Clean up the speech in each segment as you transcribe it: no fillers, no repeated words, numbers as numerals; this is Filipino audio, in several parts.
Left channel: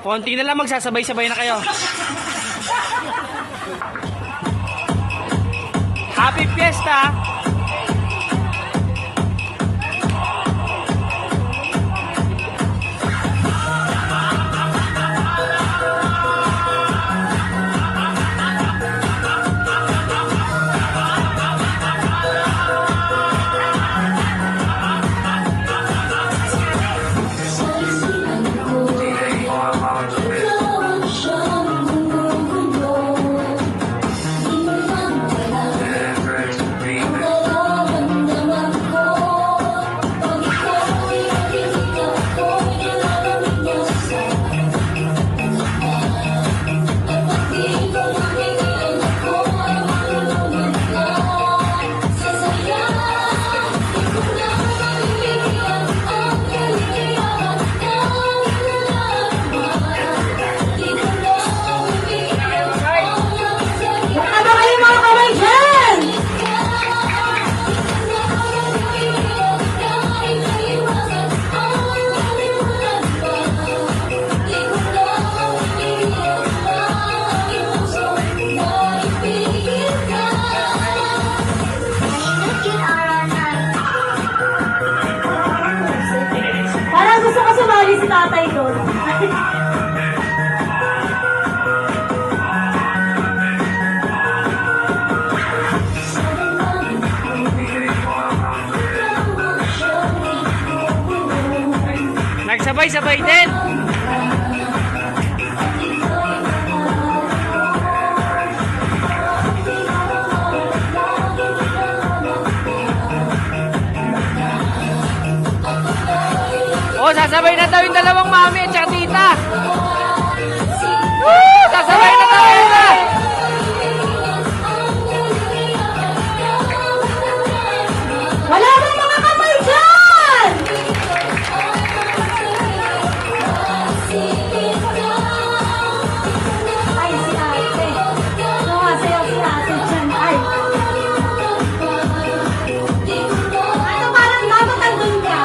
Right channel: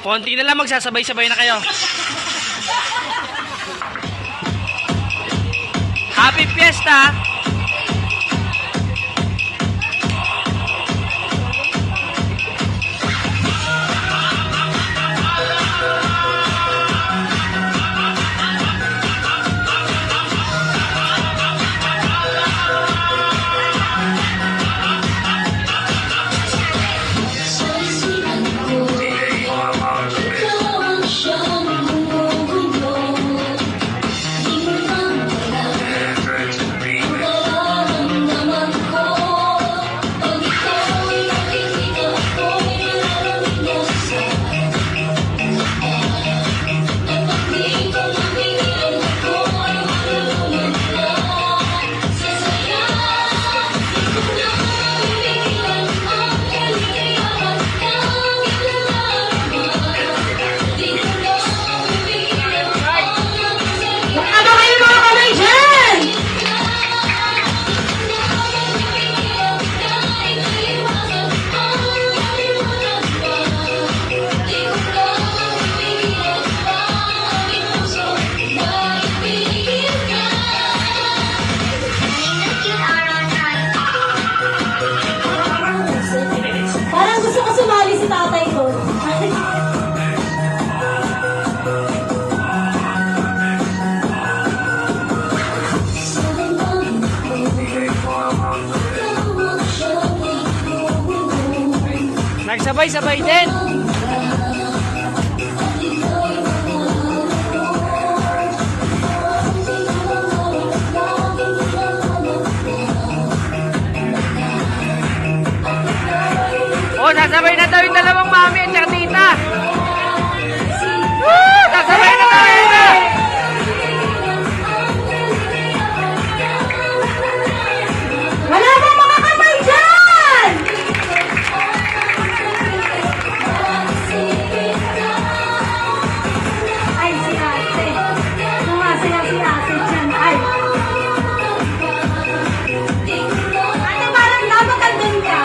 Konti na lang, magsasabay-sabay na kayo. Happy Fiesta! Parang gusto ko sumali si tatay doon. Nagsabay-sabay din. Oh, sasabay na daw yung dalawang mami at saka tita. Woo! Sasabay na daw yun na. Wala bang mga kamay dyan? Ay, si ate. Sumasaya si ate dyan. Ay. Ano parang napakandun ka?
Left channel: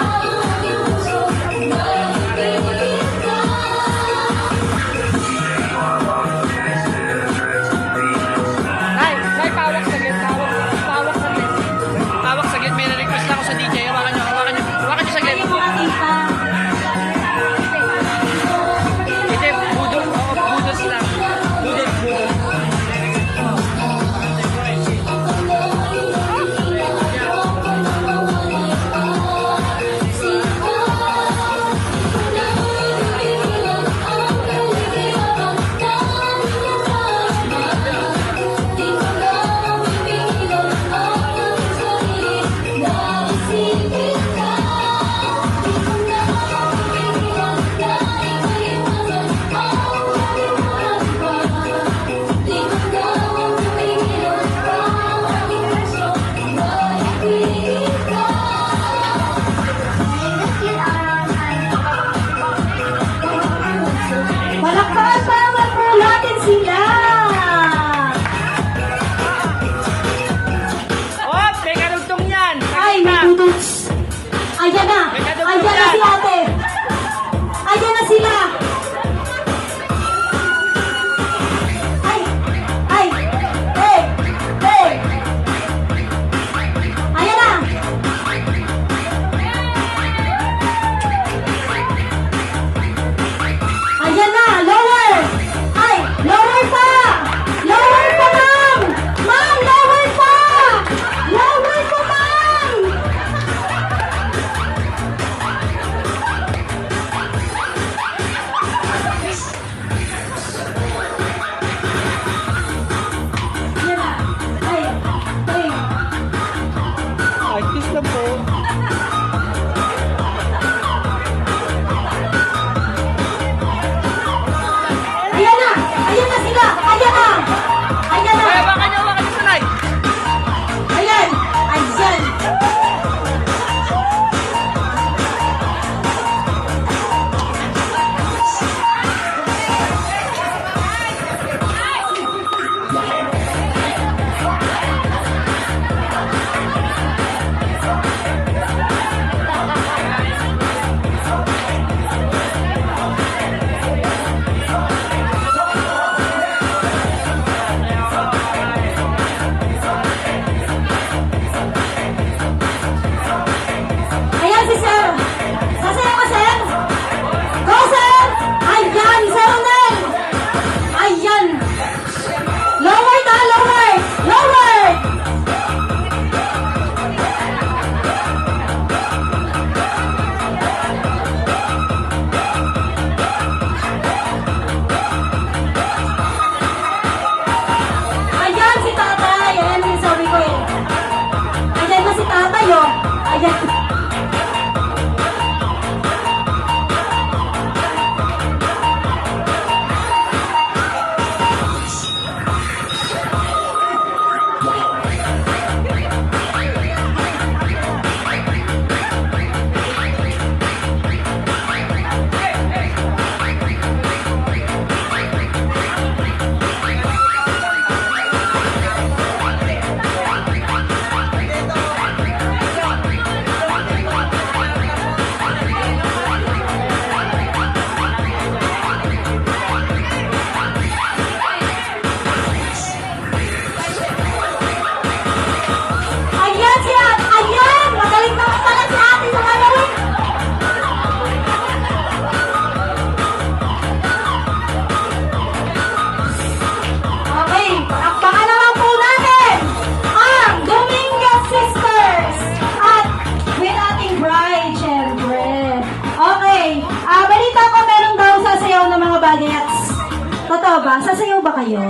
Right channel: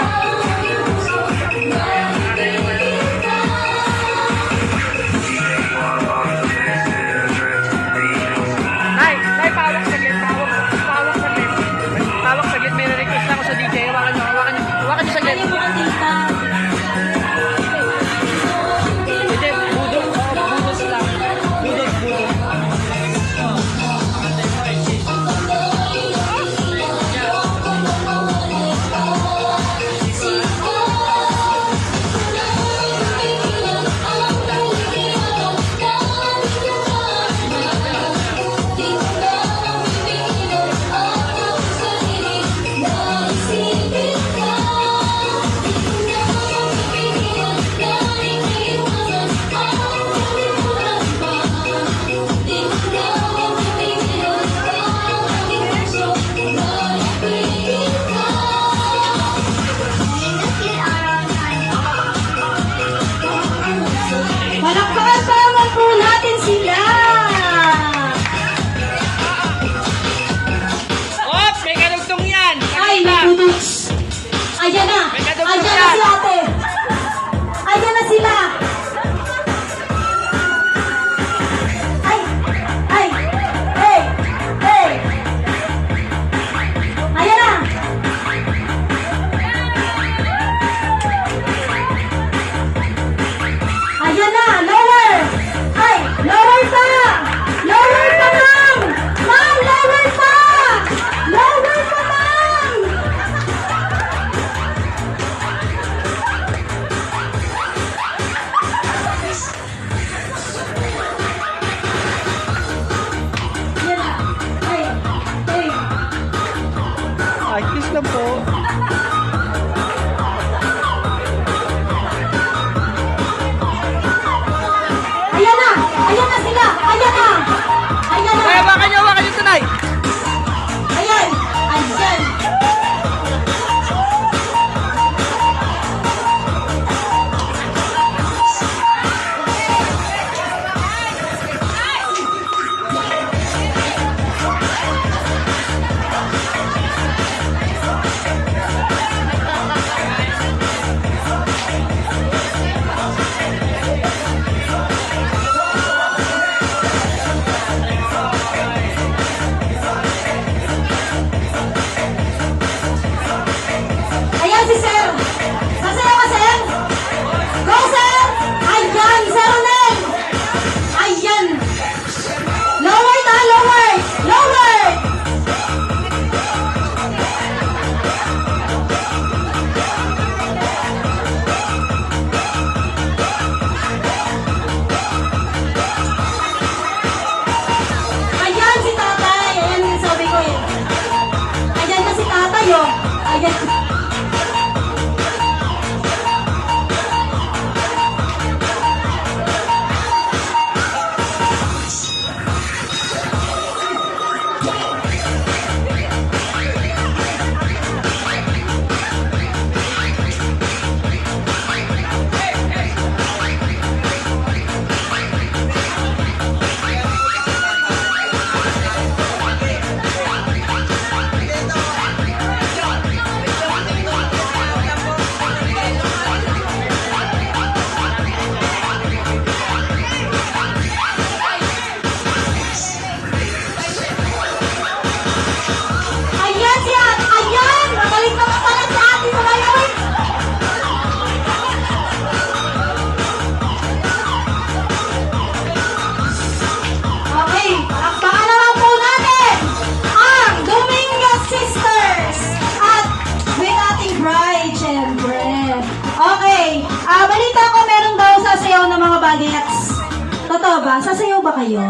ba? Sasayaw ba kayo?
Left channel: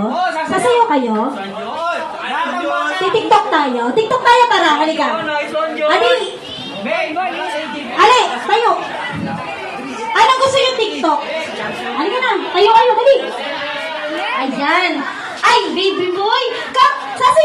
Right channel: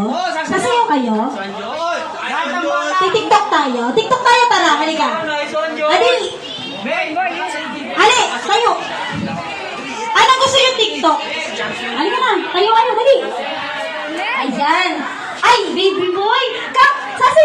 Sasayaw kayo? TikTok tayo. TikTok tayo, tara. Halika. Ali! Ali! Tayo! Anong gusto yung TikTok? Halika na. Tayo kayo, dali. Ayan. Ay, baby boy! Sasayaw